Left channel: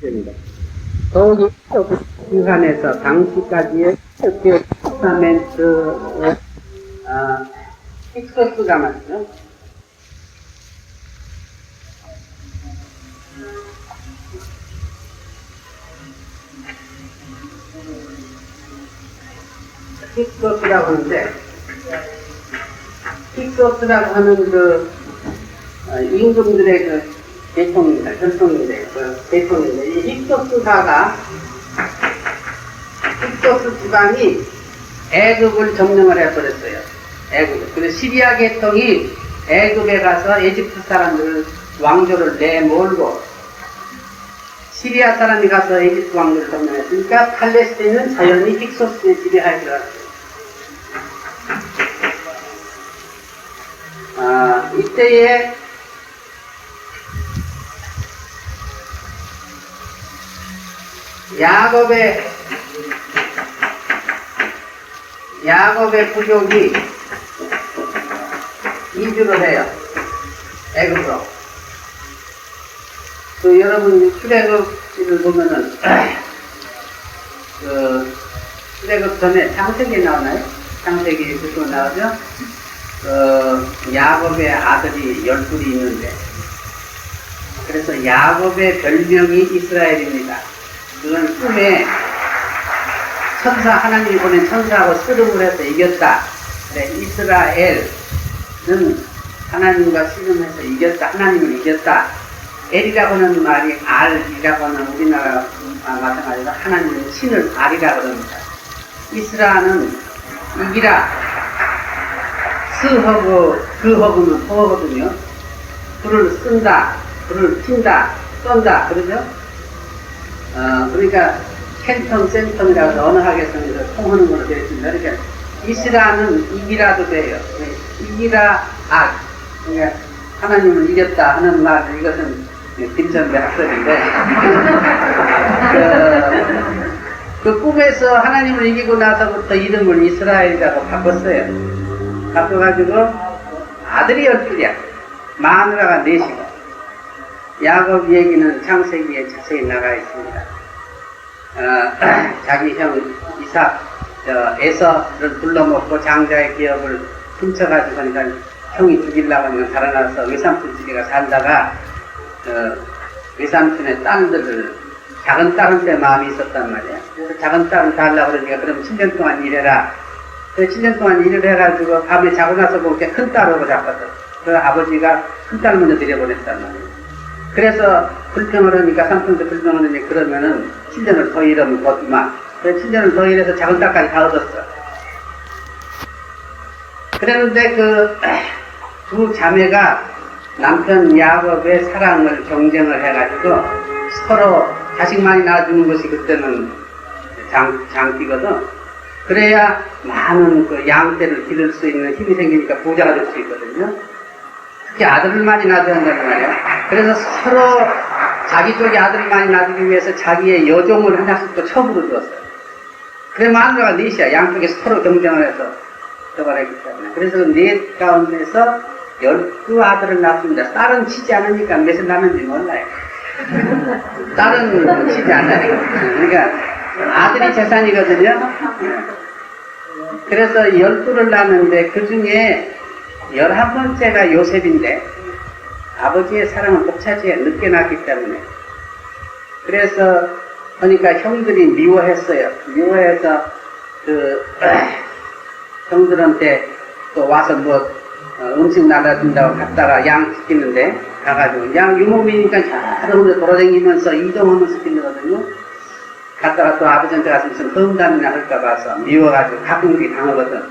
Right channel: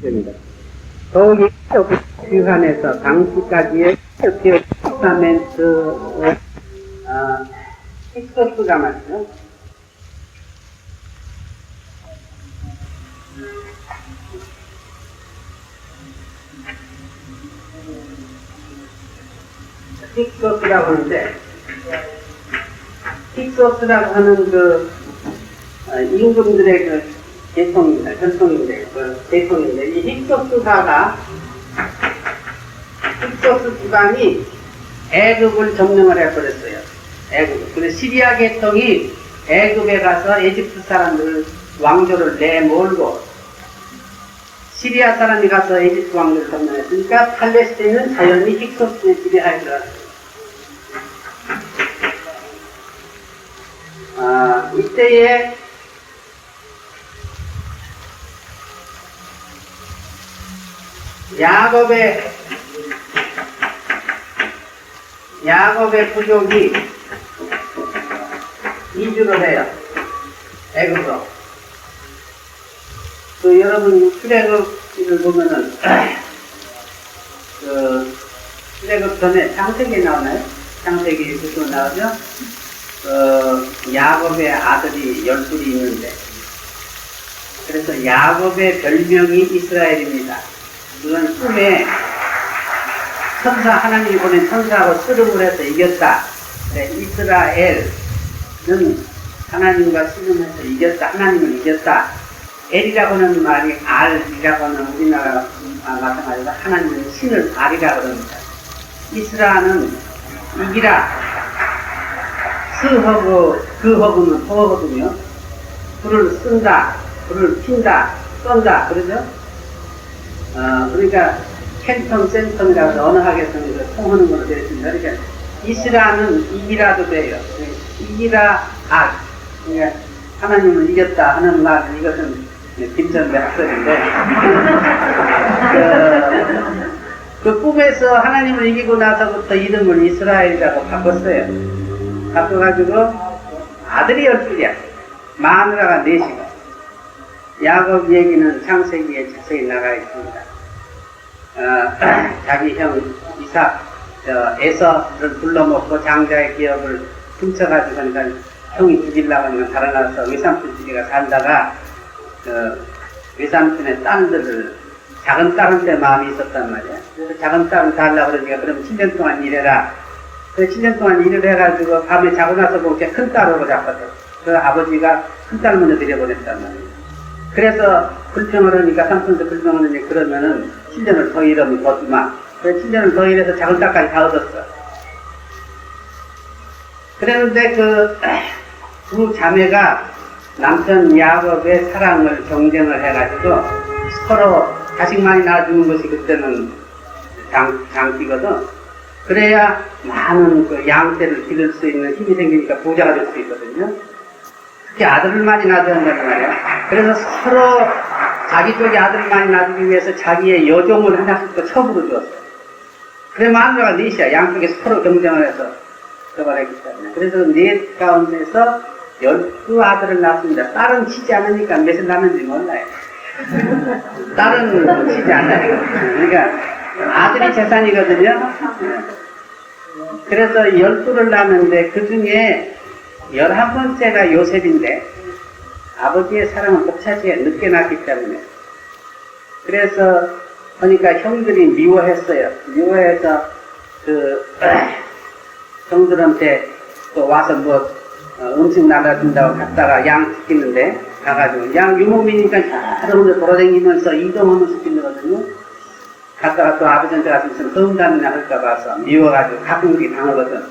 됩니다. 더욱이 기관에서 당시까지의 테스타멘트 픽서스가 맞죠? 픽서스라고 하는데, 픽서스라고 하는 그 임금들의 그 대통입니다. 전통인데, 대통인데, 이 픽서스사가 픽서스 지방이 애굽을 점령을 해버렸어요. 애굽. 그래서 시리아 계통이 애굽에 가서 에집트 사람들 왕조를 내몰고 시리아 사람이 가서 에집트 왕조를 점령했으니까 팔레스타인은 자연히 픽서스의 지배하에 들어갔어요. 이때에 야곱의 부족이 이주를 해요. 애굽으로. 그 여러분 출애굽을 보면은 출애굽 전에 창세기 나오나요? 창세기 보통 나오죠? 야곱의 아들이 12이 있는데, 그래서 야곱의 별명이 이스라엘입니다. 그건 꿈에 하나님이 보낸 천사하고 씨름을 해서 이겼다. 그래, 이스라엘은 하나님과 씨름해서 이겼다. 하나님을 이겼다. 엘이라고 하는 말이 알이라고 하는 우리나라 마찬가지로 하나님은 신을 알이라고 합니다. 이스라는 이기라. 스허브, 그허브는 허거든요. 불을 쓴다, 불을 핀다, 쏜다, 그러죠? 그러니까 캔턴, 센턴이라고 언어학에서는 통하는 걸로 되어 있습니다. 그러니까 이스라는 이기라도 돼요. 이기라, 그러니까 하나님을 이겼다 하는 말, 이것은 김선배 학설인데, 그 꿈에서 하나님을 이기고 나서부터 이름을 이스라엘이라고 바꿨어요. 바꿔가지고 아들이 12이야. 마누라가 4시고. 야곱 얘기는 창세기에 자세히 나가 있습니다. 자기 형 이삭, 에서를 둘러먹고 장자의 기업을 훔쳐가지고 형이 죽이려고 하면 달아나서 외삼촌 집에가 살다가 외삼촌의 딸들을 작은 딸한테 마음이 있었단 말이야. 그래서 작은 딸을 달라고 그러니까 그럼 7년 동안 일해라. 7년 동안 일을 해가지고 밤에 자고 나서 보니까 큰 딸하고 잤거든. 그 아버지가 큰 딸 먼저 들여보냈단 말이야. 그래서 불평을 하니까 삼촌도 불평을 하니까 그러면은 7년을 더 일하면 거지만 그래서 7년을 더 일해서 작은 딸까지 다 얻었어. 그랬는데 두 자매가 남편 야곱의 사랑을 경쟁을 해가지고 서로 자식 많이 낳아주는 것이 그때는 장기거든. 그래야 많은 그 양떼를 기를 수 있는 힘이 생기니까 부자가 될 수 있거든요. 특히 아들을 많이 낳아야 된다는 말이야. 그래서 서로 자기 쪽에 아들을 많이 낳기 위해서 자기의 여종을 하나씩 또 첩으로 주었어요. 그래 마누라가 넷이야. 양쪽에서 서로 경쟁을 해서 들어가기 때문에. 그래서 넷 가운데서 12아들을 낳았습니다. 딸은 치지 않으니까 몇을 낳는지 몰라요. 딸은 치지 않아요. 그러니까 아들이 재산이거든요. 그래서 12를 낳았는데 그 중에 11번째가 요셉인데 아버지의 사랑을 못 차지해 늦게 낳았기 때문에. 그래서 그러니까 형들이 미워했어요. 미워해서 형들한테 또 와서 음식 나눠준다고 갔다가 양 시키는데 가가지고 양 유목민이니까 여러 군데 돌아다니면서 이동하면서 시키거든요. 갔다가 또 아버지한테 가서 무슨 범담이나 할까 봐서 미워가지고 가끔씩 당하거든.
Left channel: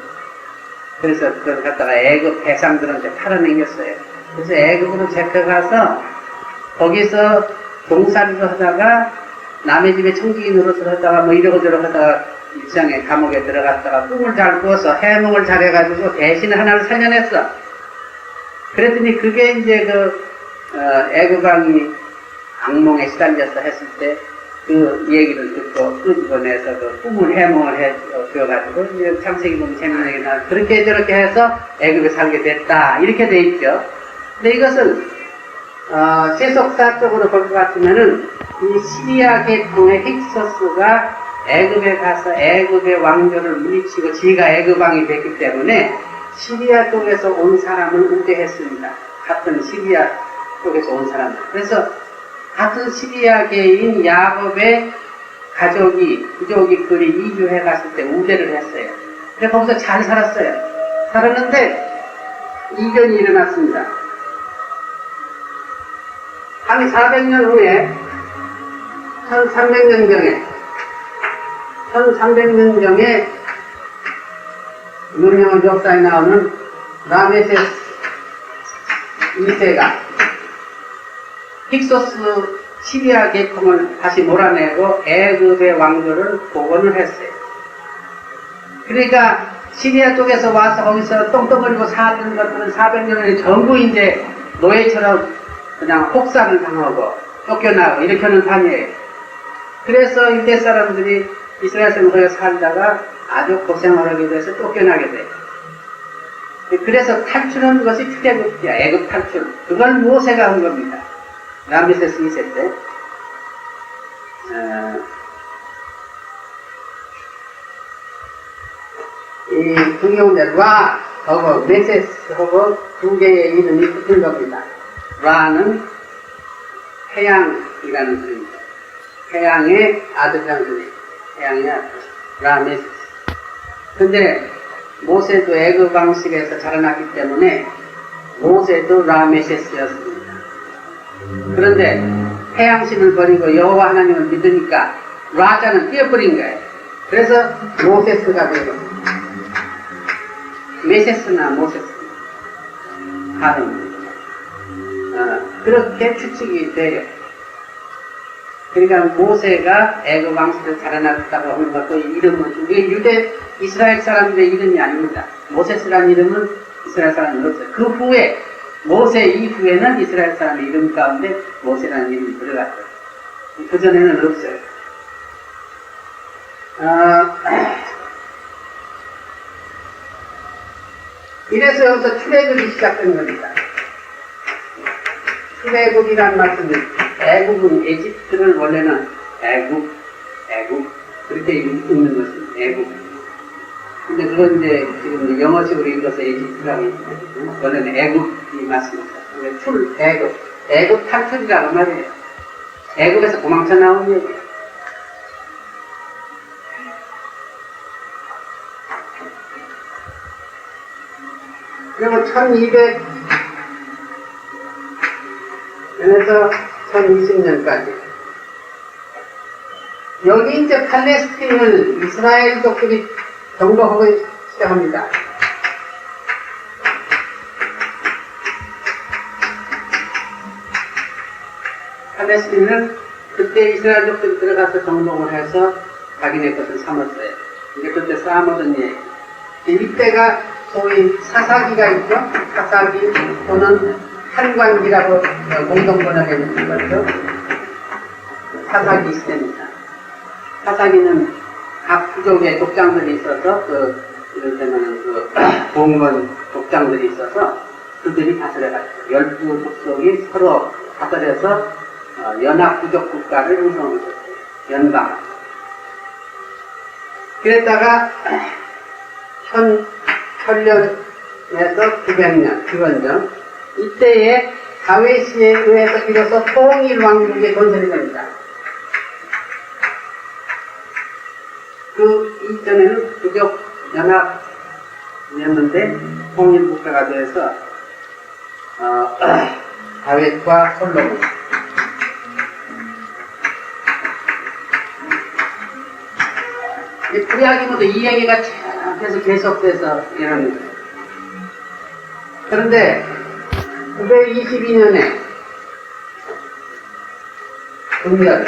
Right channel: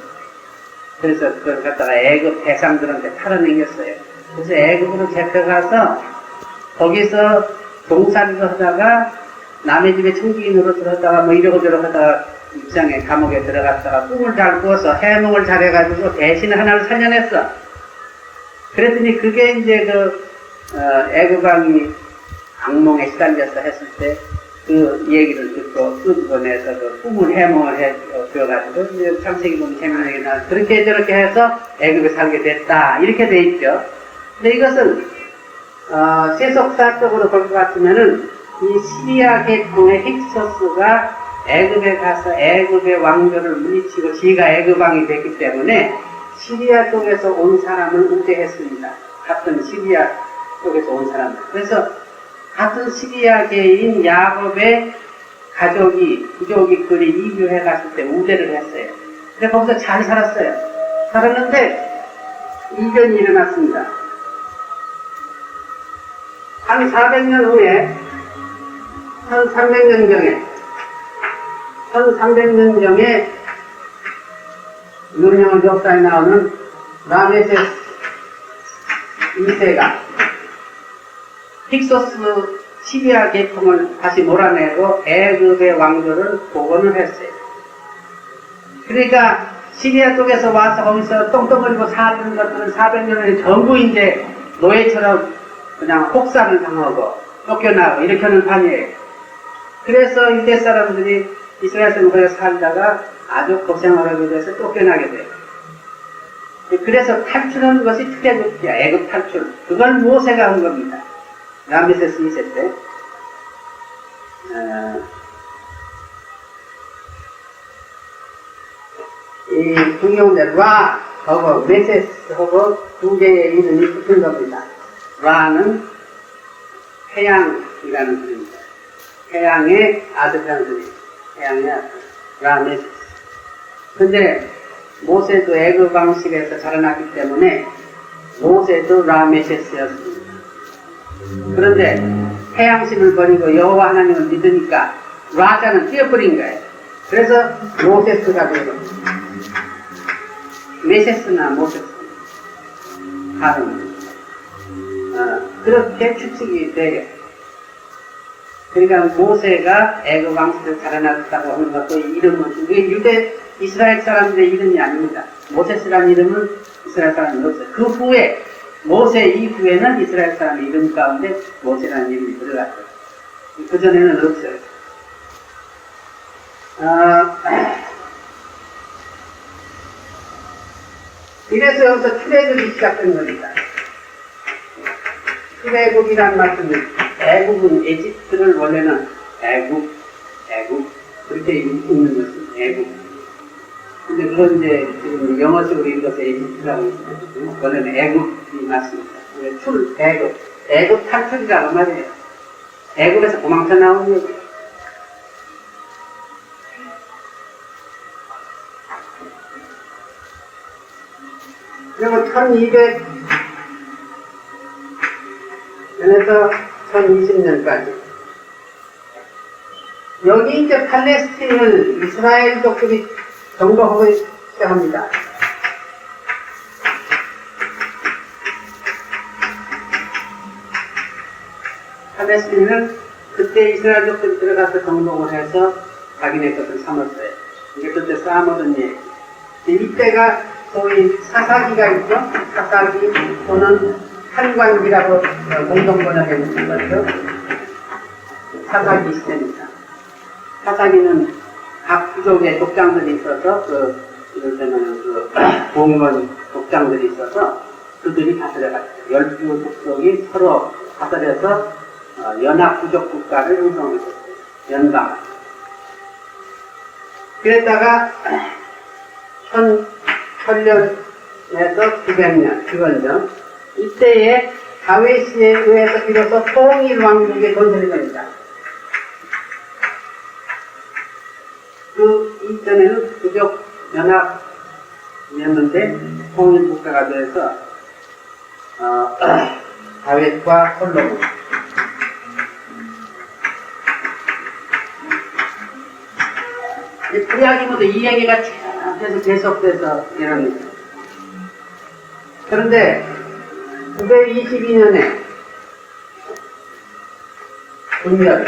그래서 그걸 갖다가 애굽 대상들한테 팔아넘겼어요. 그래서 애굽으로 잡혀가서 거기서 종살이를 하다가 남의 집에 청지기 노릇을 하다가 이러고저러고 하다가 입장에 감옥에 들어갔다가 꿈을 잘 꾸어서 해몽을 잘해가지고 대신 하나를 살려냈어. 그랬더니 그게 이제 애굽왕이 악몽에 시달려서 했을 때 그 얘기를 듣고 끄집어내서 그 꿈을 해몽을 해줘가지고 이제 창세기 보면 재밌는 얘기 나와. 그렇게 저렇게 해서 애굽에 살게 됐다. 이렇게 돼 있죠. 근데 이것은 세속사적으로 볼 것 같으면은 이 시리아 계통의 힉소스가 애굽에 가서 애굽의 왕조를 물리치고 지가 애굽왕이 됐기 때문에 시리아 쪽에서 온 사람을 우대했습니다. 같은 시리아 쪽에서 온 사람들. 그래서 같은 시리아계인 야곱의 가족이, 부족이 그리 이주해 갔을 때 우대를 했어요. 그래서 거기서 잘 살았어요. 살았는데 이변이 일어났습니다. 한 400년 후에 1300년경에 유명한 역사에 나오는 라메세스 2세가 힉소스 시리아 계통을 다시 몰아내고 애굽의 왕조를 복원을 했어요. 그러니까 시리아 쪽에서 와서 거기서 똥똥거리고 사는 것들은 400년을 전부 이제 노예처럼 그냥 혹사를 당하고 쫓겨나고 이렇게 하는 판이에요. 그래서 이때 사람들이 이스라엘 사람들이 살다가 아주 고생을 하게 돼서 쫓겨나게 돼요. 그래서 탈출한 것이 출애굽이야. 애굽 탈출. 그걸 모세가 한 겁니다. 라메세스 2세 때. 이 두 경우인데 라하고 메세스하고 두 개의 이름이 붙은 겁니다. 라는 태양이라는 뜻입니다. 태양의 아들이라는 뜻이에요. 태양의 아들. 라메세스. 근데 모세도 애굽 방식에서 자라났기 때문에 모세도 라메세스였습니다. 그런데 태양신을 버리고 여호와 하나님을 믿으니까 라자는 뛰어버린 거예요. 그래서 모세스가 되고 메세스나 모세스 다릅니다. 그렇게 추측이 돼요. 그러니까 모세가 애굽 왕실에 자라났다고 하는 것도 이름은 이게 유대 이스라엘 사람들의 이름이 아닙니다. 모세스라는 이름은 이스라엘 사람은 없어요. 그 후에 모세 이후에는 이스라엘 사람의 이름 가운데 모세라는 이름이 들어갔어요. 그 전에는 없어요. 이래서 여기서 출애굽이 시작된 겁니다. 출애굽이란 말씀은 애굽은 에집트를 원래는 애굽 그렇게 읽는 것입니다. 애굽. 근데 그건 이제 지금 영어식으로 읽어서 에집트라고 있습니다. 원래는 애굽이 맞습니다. 애굽 탈출이라는 말이에요. 애굽에서 도망쳐 나온 얘기예요. 그리고 1200년에서 1020년까지 여기 이제 팔레스틴을 이스라엘族들이 정복하고 시작합니다. 팔레스틴은 그때 이스라엘족들이 들어가서 정복을 해서 자기네 것을 삼았어요. 이제 그때 쌓아먹은 얘기. 이때가 소위 사사기가 있죠. 사사기 또는 한광기라고 공동번역해 주신 거죠. 사사기 시대입니다. 사사기는 각 부족의 독장들이 있어서 이럴 때는 공무원 독장들이 있어서 그들이 다스려갔어요. 12부족이 서로 다스려서 연합 부족 국가를 형성했어요. 연방. 그랬다가 1000년에서 900년 기원전 이때에 다윗에 의해서 비로소 통일 왕국의 건설이 됩니다. 그 이전에는 부족 연합이었는데 통일 국가가 돼서 다윗과 솔로몬 구약이면서 이 얘기가 계속돼서 이러는 거예요. 그런데 922년에 분열이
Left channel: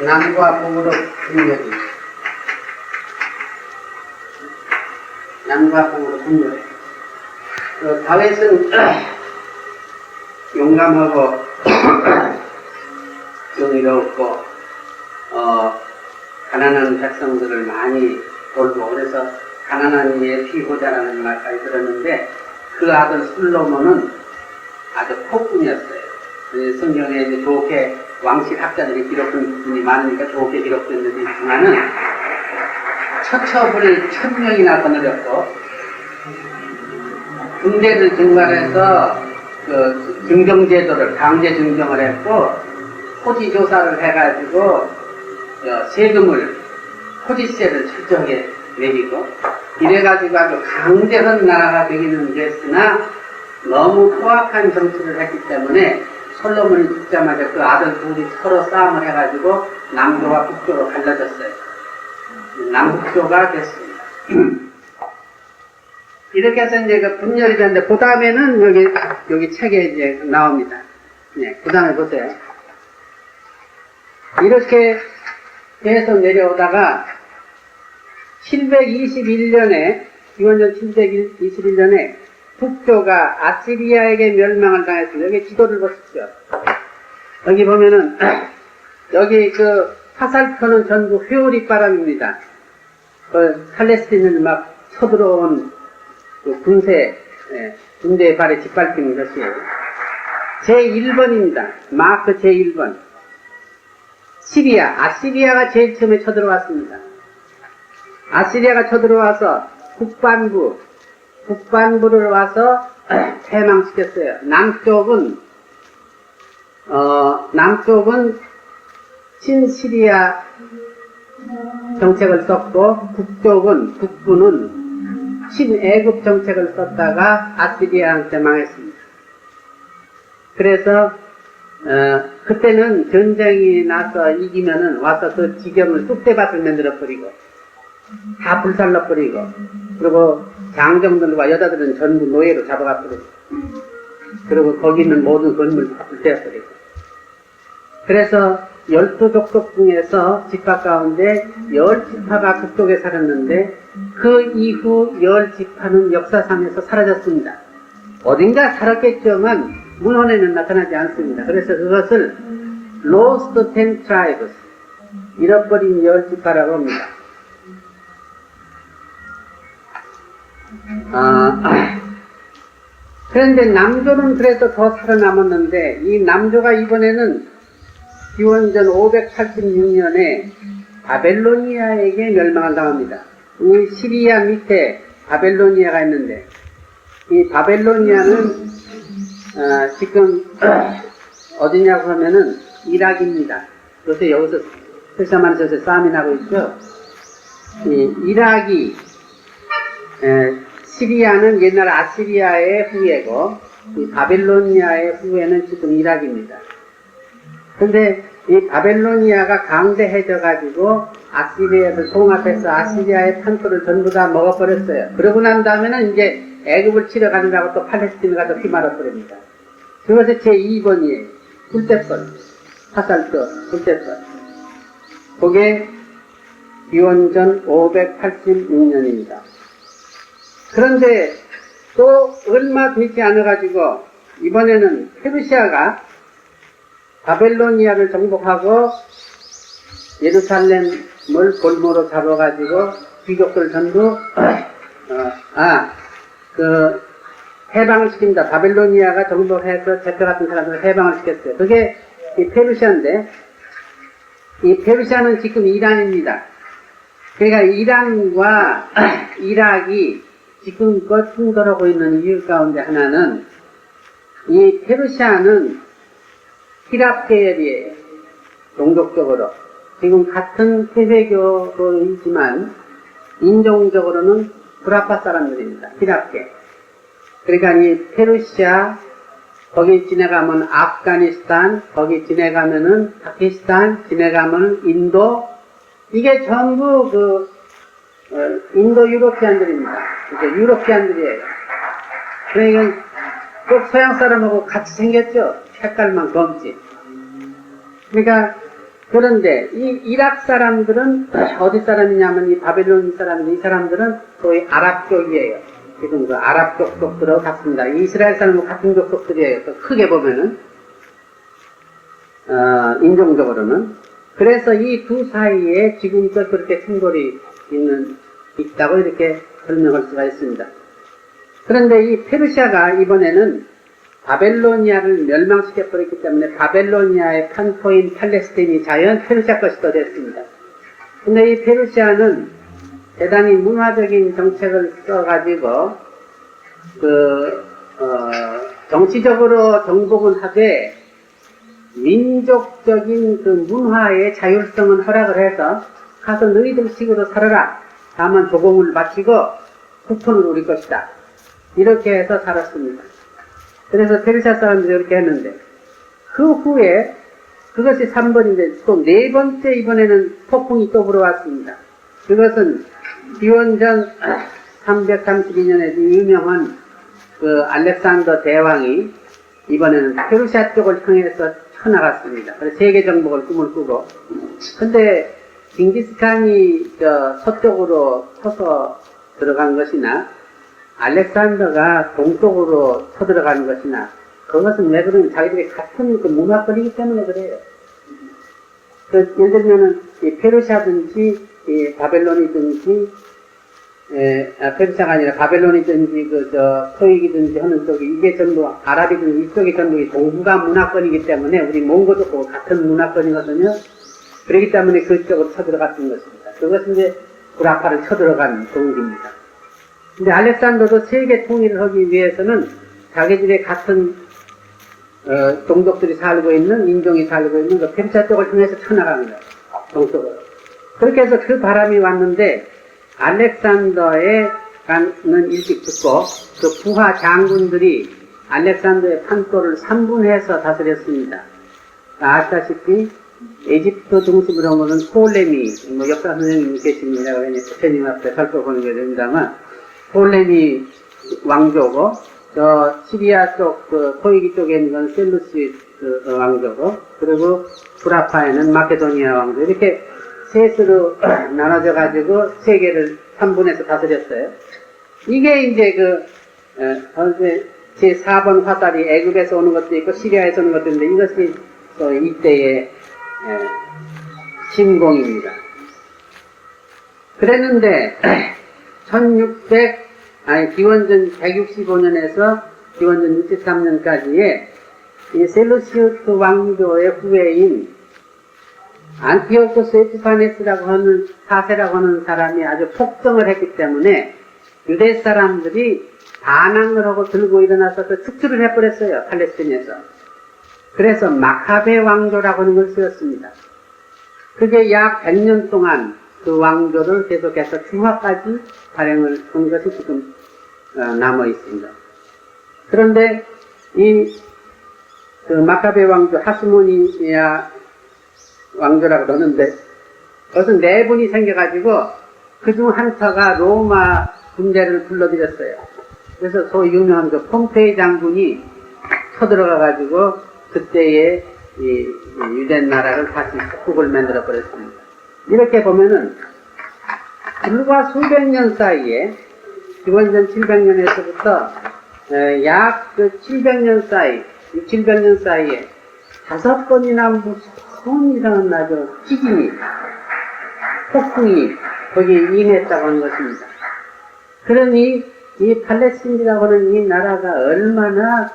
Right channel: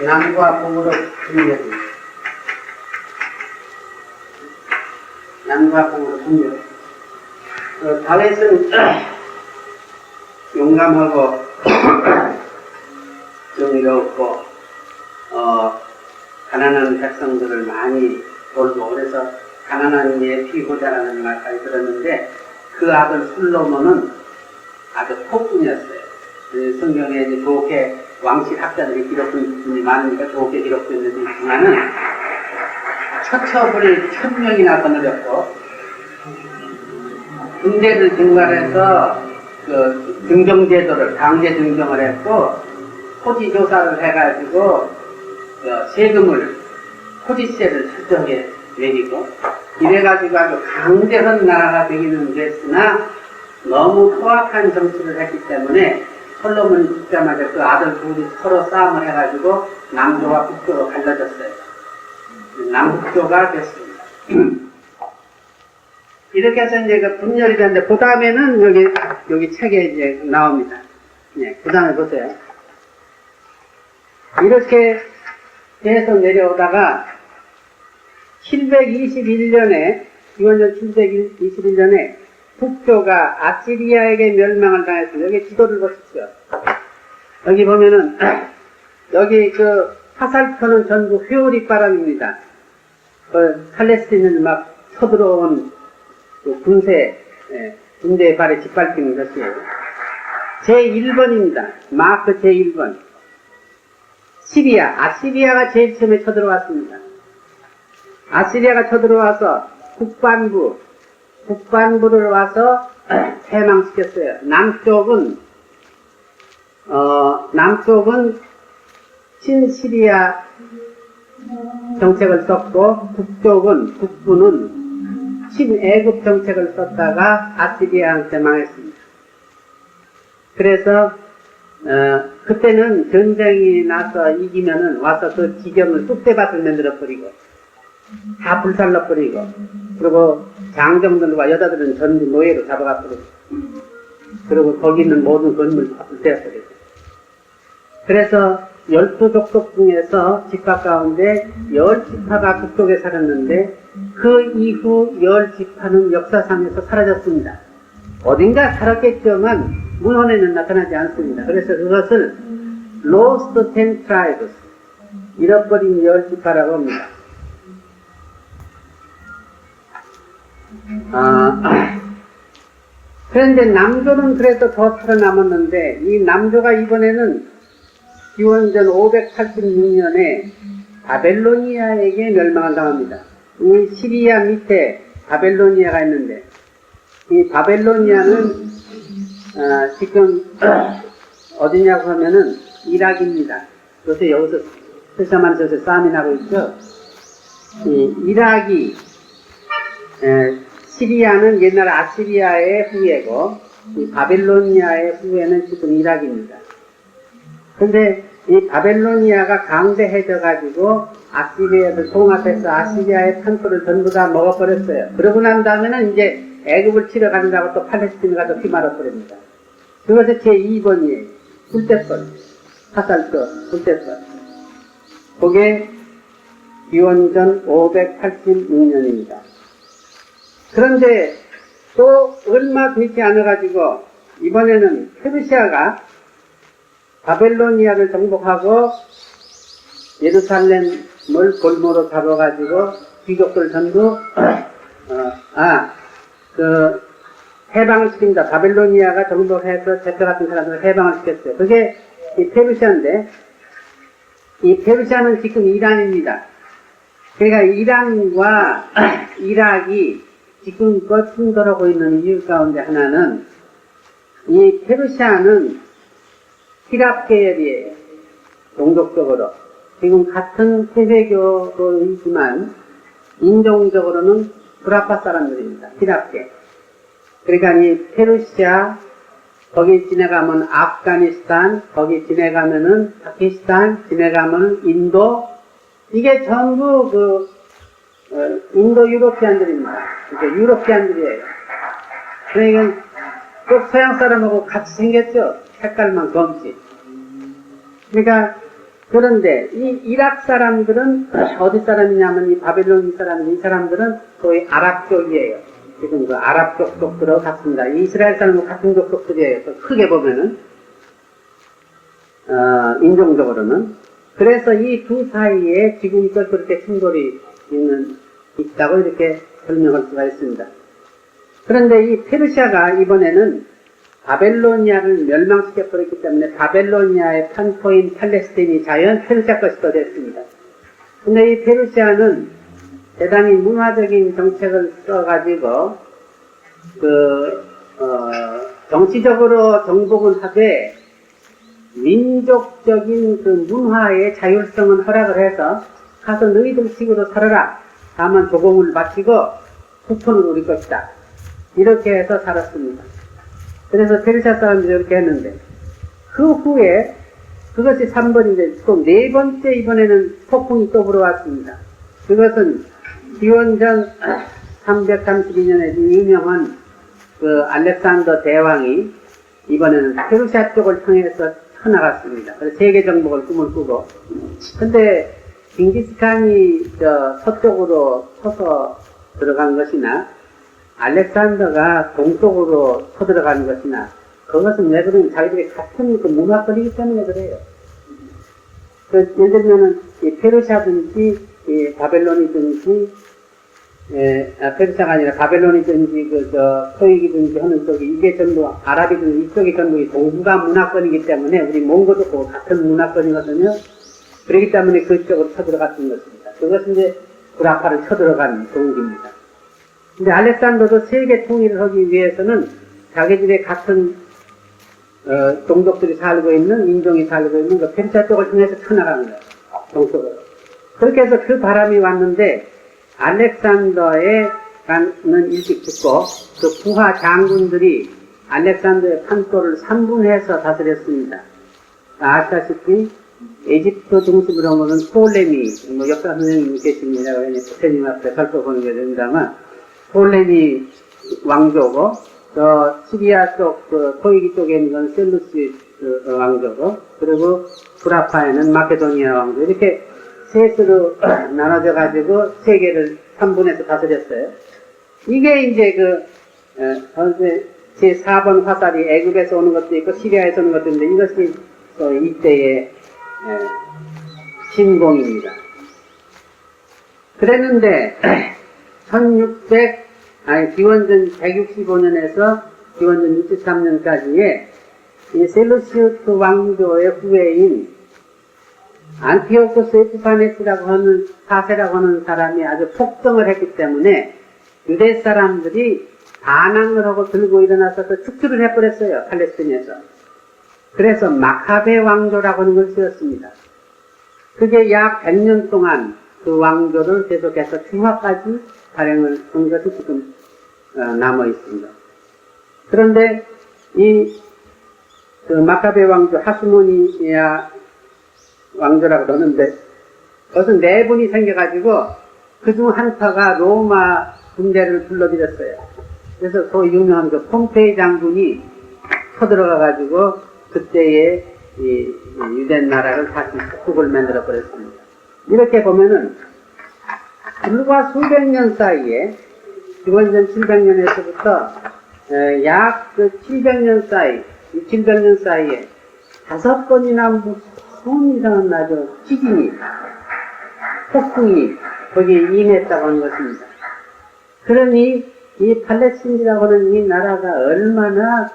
남과 북으로 분열이 남과 북으로 분열해. 다윗은 용감하고 정의롭고 가난한 백성들을 많이 돌고 그래서 가난한 이의 피고자라는 말까지 들었는데 그 아들 솔로몬은 아주 폭군이었어요. 성경에 이제 좋게 왕실 학자들이 기록된 부분이 많으니까 좋게 기록된 데 있지만은 처처불이 1000명이나 거느렸고 군대를 증발해서 그 증정제도를 강제 증정을 했고 토지 조사를 해가지고 세금을 토지세를 철저하게 내리고 이래가지고 아주 강대한 나라가 되기는 됐으나 너무 포악한 정치를 했기 때문에 솔로몬이 죽자마자 그 아들 둘이 서로 싸움을 해가지고 남조와 북조로 갈라졌어요. 남북조가 됐습니다. 이렇게 해서 이제 그 분열이 되는데 그 다음에는 여기 책에 이제 나옵니다. 네, 그 다음에 보세요. 이렇게 계속 내려오다가 721년에 기원전 721년에 북조가 아시리아에게 멸망을 당했습니다. 여기 지도를 보십시오. 여기 보면은 여기 그 화살표는 전부 회오리 바람입니다. 그 팔레스틴을 막 쳐들어온 그 군대의 발에 짓밟히는 것이에요. 제1번입니다. 마크 제1번. 아시리아가 제일 처음에 쳐들어왔습니다. 아시리아가 쳐들어와서 북반부를 와서 패망시켰어요. 남쪽은 친시리아 정책을 썼고 북부는 친애굽 정책을 썼다가 아시리아한테 망했습니다. 그래서 그때는 전쟁이 나서 이기면은 와서 그 지경을 쑥대밭을 만들어버리고 다 불살라버리고 그리고 장정들과 여자들은 전부 노예로 잡아가버리고 그리고 거기 있는 모든 건물 다 불태워버리고 그래서 12족속 중에서 지파 가운데 10지파가 북쪽에 살았는데 그 이후 10지파는 역사상에서 사라졌습니다. 어딘가 살았겠지만 문헌에는 나타나지 않습니다. 그래서 그것을 Lost 10 Tribes, 잃어버린 10지파라고 합니다. 그런데 남조는 그래도 더 살아남았는데 이 남조가 이번에는 기원전 586년에 바벨로니아에게 멸망을 당합니다. 이 시리아 밑에 바벨로니아가 있는데 이 바벨로니아는 지금 어디냐고 하면은 이락입니다. 요새 여기서 세사만에서 싸움이 나고 있죠. 이 이락이 시리아는 옛날 아시리아의 후예고 이 바벨로니아의 후예는 지금 이락입니다. 근데 이 바벨로니아가 강대해져 가지고 아시리아를 통합해서 아시리아의 판토를 전부 다 먹어버렸어요. 그러고 난 다음에는 이제 애굽을 치러 가느라고 또 팔레스틴을 가서 휘말아버립니다. 그것이 제2번이에요. 불대선. 화살표, 불대선. 그게 기원전 586년입니다. 그런데 또 얼마 되지 않아가지고 이번에는 페르시아가 바벨로니아를 정복하고 예루살렘을 볼모로 잡아가지고 귀족들 전부 해방을 시킵니다. 바벨로니아가 정복해서 제트 같은 사람들을 해방을 시켰어요. 그게 이 페르시아인데 이 페르시아는 지금 이란입니다. 그러니까 이란과 이락이 지금껏 충돌하고 있는 이유 가운데 하나는 이 페르시아는 히랍 계열이에요. 종족적으로. 지금 같은 세배교이지만 인종적으로는 브라파 사람들입니다. 히랍계. 그러니까 이 페르시아, 거기 지나가면 아프가니스탄, 거기 지나가면은 파키스탄, 지나가면 인도, 이게 전부 인도 유로피안들입니다. 이게 유로피안들이에요. 그러니까 꼭 서양 사람하고 같이 생겼죠. 색깔만 검지. 그러니까 그런데 이 이락 사람들은 어디 사람이냐면 이 바벨론 사람들, 이 사람들은 소위 아랍 쪽이에요. 지금 그 아랍 족속들하고 같습니다. 이스라엘 사람하고 같은 족속들이에요. 또 크게 보면은 인종적으로는. 그래서 이 두 사이에 지금껏 그렇게 충돌이 있다고 이렇게 설명할 수가 있습니다. 그런데 이 페르시아가 이번에는 바벨로니아를 멸망시켜버렸기 때문에 바벨로니아의 판토인 팔레스틴이 자연 페르시아 것이 더 됐습니다. 근데 이 페르시아는 대단히 문화적인 정책을 써가지고 정치적으로 정복은 하되 민족적인 그 문화의 자율성은 허락을 해서 가서 너희들 식으로 살아라. 다만 조공을 마치고 후손을 우리 것이다. 이렇게 해서 살았습니다. 그래서 페르시아 사람들이 이렇게 했는데 그 후에 그것이 3번인데 또 4번째 이번에는 폭풍이 또 불어왔습니다. 그것은 기원전 332년에 유명한 그 알렉산더 대왕이 이번에는 페르시아 쪽을 향해서 쳐나갔습니다. 그래서 세계 정복을 꿈을 꾸고. 근데 징기스칸이 서쪽으로 쳐서 들어간 것이나 알렉산더가 동쪽으로 쳐들어가는 것이나 그것은 왜 그러면 자기들이 같은 그 문화권이기 때문에 그래요. 예를 들면은 이 페르시아든지 이 바벨론이든지 페르시아가 아니라 바벨론이든지 토익이든지 하는 쪽이 이게 전부 아랍이든지 이쪽이 전부 동북아 문화권이기 때문에 우리 몽고도 그 같은 문화권이거든요. 그렇기 때문에 그쪽으로 쳐들어갔던 것입니다. 그것은 이제 구라파를 쳐들어간 동기입니다. 근데 알렉산더도 세계 통일을 하기 위해서는 자기들의 같은 종족들이 살고 있는 인종이 살고 있는 그 페르시아 쪽을 통해서 쳐나가는 거예요. 동쪽으로. 그렇게 해서 그 바람이 왔는데 알렉산더에 가는 일찍 죽고 그 부하 장군들이 알렉산더의 판도를 3분해서 다스렸습니다. 아시다시피 에집트 중심으로 보는 톨레미, 역사 선생님이 계십니다. 부처님 앞에 살펴보는 게 됩니다만 톨레미 왕조고 저 시리아 쪽, 토이기 쪽에 있는 건 셀루시 왕조고 그리고 구라파에는 마케도니아 왕조 이렇게 셋으로 나눠져 가지고 세계를 3분해서 다스렸어요. 이게 이제 제 4번 화살이 애굽에서 오는 것도 있고 시리아에서 오는 것도 있는데 이것이 이때의 신공입니다. 그랬는데 기원전 165년에서 기원전 63년까지의 이 셀루시우스 왕조의 후예인 안티오코스 에피파네스라고 하는 사세라고 하는 사람이 아주 폭정을 했기 때문에 유대 사람들이 반항을 하고 들고 일어나서 축출을 해버렸어요. 팔레스틴에서. 그래서 마카베 왕조라고 하는 걸 쓰였습니다. 그게 약 100년 동안 그 왕조를 계속해서 중화까지 발행을 한 것이 지금 남아 있습니다. 그런데 그 마카베 왕조 하스모니아 왕조라고 그러는데 그것은 4분이 생겨가지고 그중 한 터가 로마 군대를 불러들였어요. 그래서 소위 유명한 그 폼페이 장군이 쳐들어가가지고 그때의 이 유대 나라를 다시 국국을 만들어 버렸습니다. 이렇게 보면은 불과 수백 년 사이에 기원전 700년에서부터 약 700년 사이, 700년 사이에 5번이나 무슨 이상한 나죠. 지진이, 폭풍이 거기에 임했다고 하는 것입니다. 그러니 이 팔레스틴이라고 하는 이 나라가 얼마나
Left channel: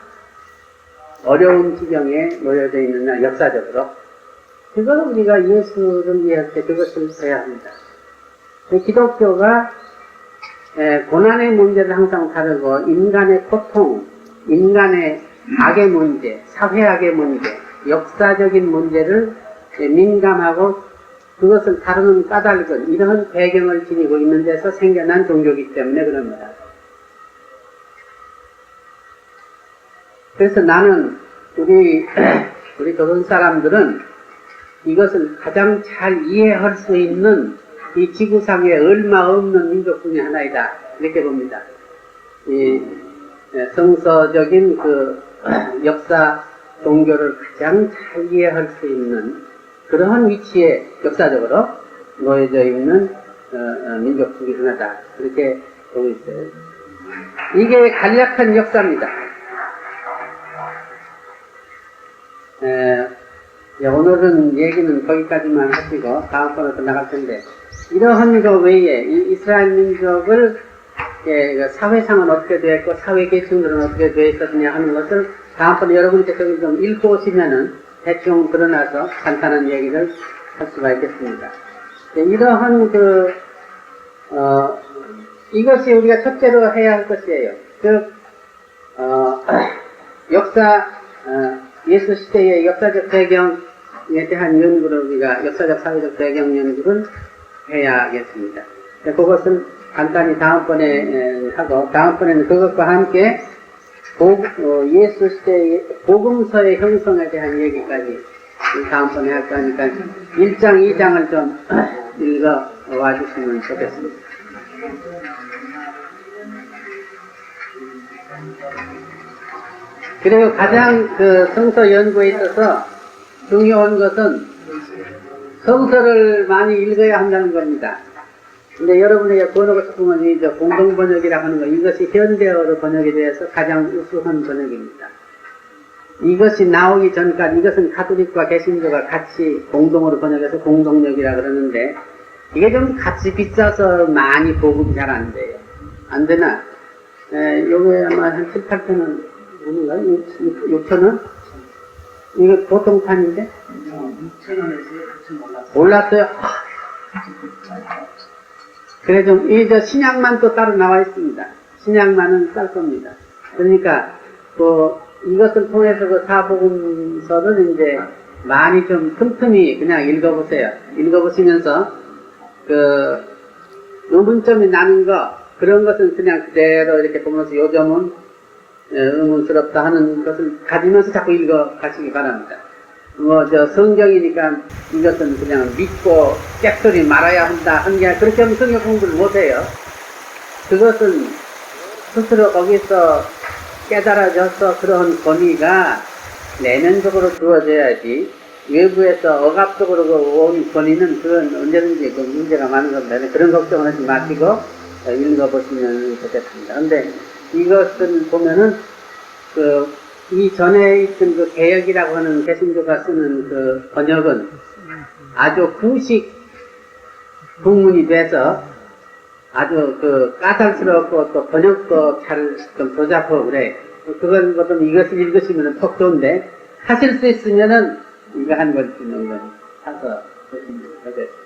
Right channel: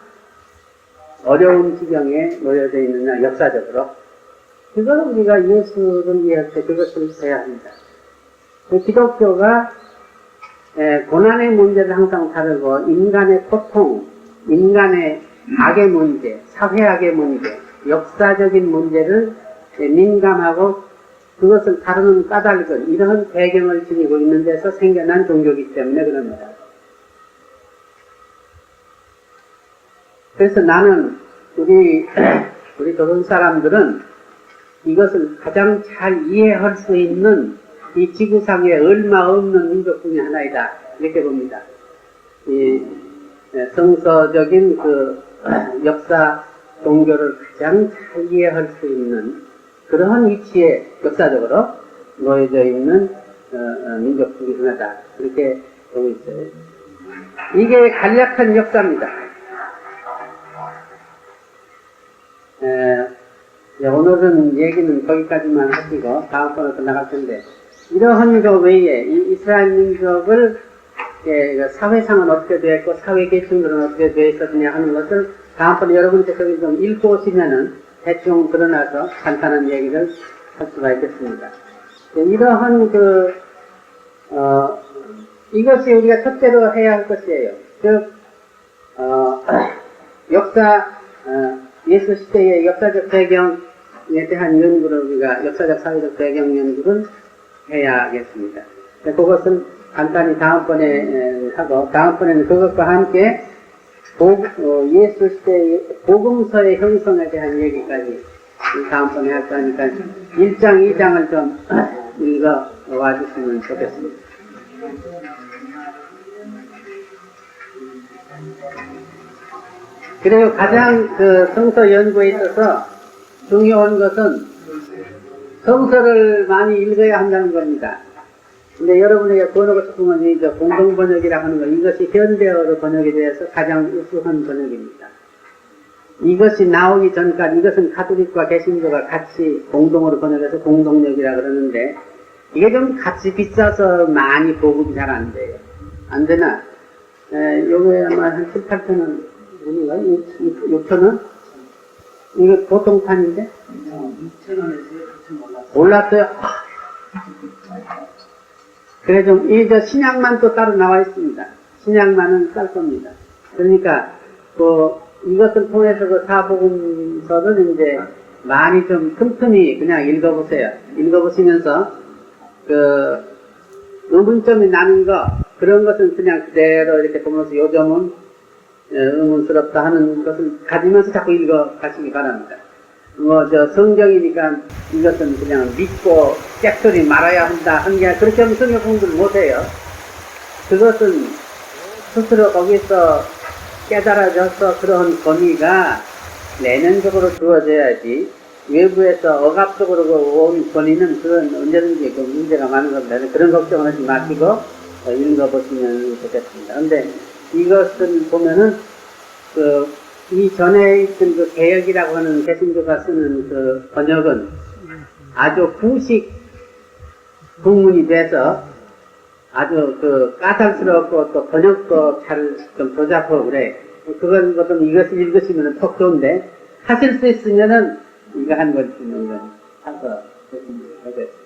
어려운 지경에 놓여져 있느냐, 역사적으로. 그걸 우리가 예수를 위할 때 그것을 해야 합니다. 기독교가 고난의 문제를 항상 다루고 인간의 고통, 인간의 악의 문제, 사회악의 문제, 역사적인 문제를 민감하고 그것을 다루는 까닭은 이런 배경을 지니고 있는 데서 생겨난 종교이기 때문에 그럽니다. 그래서 나는 우리 조선 사람들은 이것을 가장 잘 이해할 수 있는 이 지구상에 얼마 없는 민족 중에 하나이다. 이렇게 봅니다. 이 성서적인 그 역사 종교를 가장 잘 이해할 수 있는 그러한 위치에 역사적으로 놓여져 있는 민족 중에 하나다. 그렇게 보고 있어요. 이게 간략한 역사입니다. 오늘은 얘기는 거기까지만 하시고 다음번에 또 나갈 텐데 이러한 거 외에 이 이스라엘 민족을 그 사회상은 어떻게 되어 있고 사회계층들은 어떻게 되어 있었느냐 하는 것을 다음번에 여러분께서 좀 읽고 오시면은 대충 드러나서 간단한 얘기를 할 수가 있겠습니다. 네, 이러한 이것이 우리가 첫째로 해야 할 것이에요. 즉, 예수 시대의 역사적 배경에 대한 연구를 우리가 역사적 사회적 배경 연구를 해야겠습니다. 그것은 간단히 다음번에 하고, 다음번에는 그것과 함께 예수 시대의 복음서의 형성에 대한 얘기까지 다음번에 할 거니까 1장, 2장을 좀 읽어와 주시면 좋겠습니다. 그리고 가장 성서 연구에 있어서 중요한 것은 성서를 많이 읽어야 한다는 겁니다. 근데 여러분에게 번역을 싶으면 이제 공동번역이라고 하는 거, 이것이 현대어로 번역이 되어서 가장 우수한 번역입니다. 이것이 나오기 전까지 이것은 가톨릭과 개신교가 같이 공동으로 번역해서 공동역이라고 그러는데 이게 좀 값이 비싸서 많이 보급이 잘 안 돼요. 안 되나? 요거에 아마 한 7, 8천원, 아닌가? 6천원? 이거 보통판인데? 6천원에서 9천 올랐어요? 그래 좀, 이 신약만 또 따로 나와 있습니다. 신약만은 쌀 겁니다. 그러니까, 이것을 통해서 사복음서를 이제 많이 좀 틈틈이 그냥 읽어보세요. 읽어보시면서, 의문점이 나는 거, 그런 것은 그냥 그대로 이렇게 보면서 요점은 의문스럽다 하는 것을 가지면서 자꾸 읽어가시기 바랍니다. 성경이니까 이것은 그냥 믿고 깨소리 말아야 한다 하는 게 아니라 그렇게 하면 성경 공부를 못해요. 그것은 스스로 거기서 깨달아져서 그런 권위가 내면적으로 주어져야지 외부에서 억압적으로 온 권위는 그건 언제든지 그 문제가 많은 겁니다. 그런 걱정을 하지 마시고 읽어보시면 좋겠습니다. 그런데 이것을 보면은 이 전에 있던 개역이라고 하는 개신교가 쓰는 번역은 아주 구식 국문이 돼서 아주 까탈스럽고 또 번역도 잘 조잡하고 그래. 그건 좀 이것을 읽으시면 턱 좋은데 하실 수 있으면은 이거 한 권쯤 사서 보시면 좋겠습니다.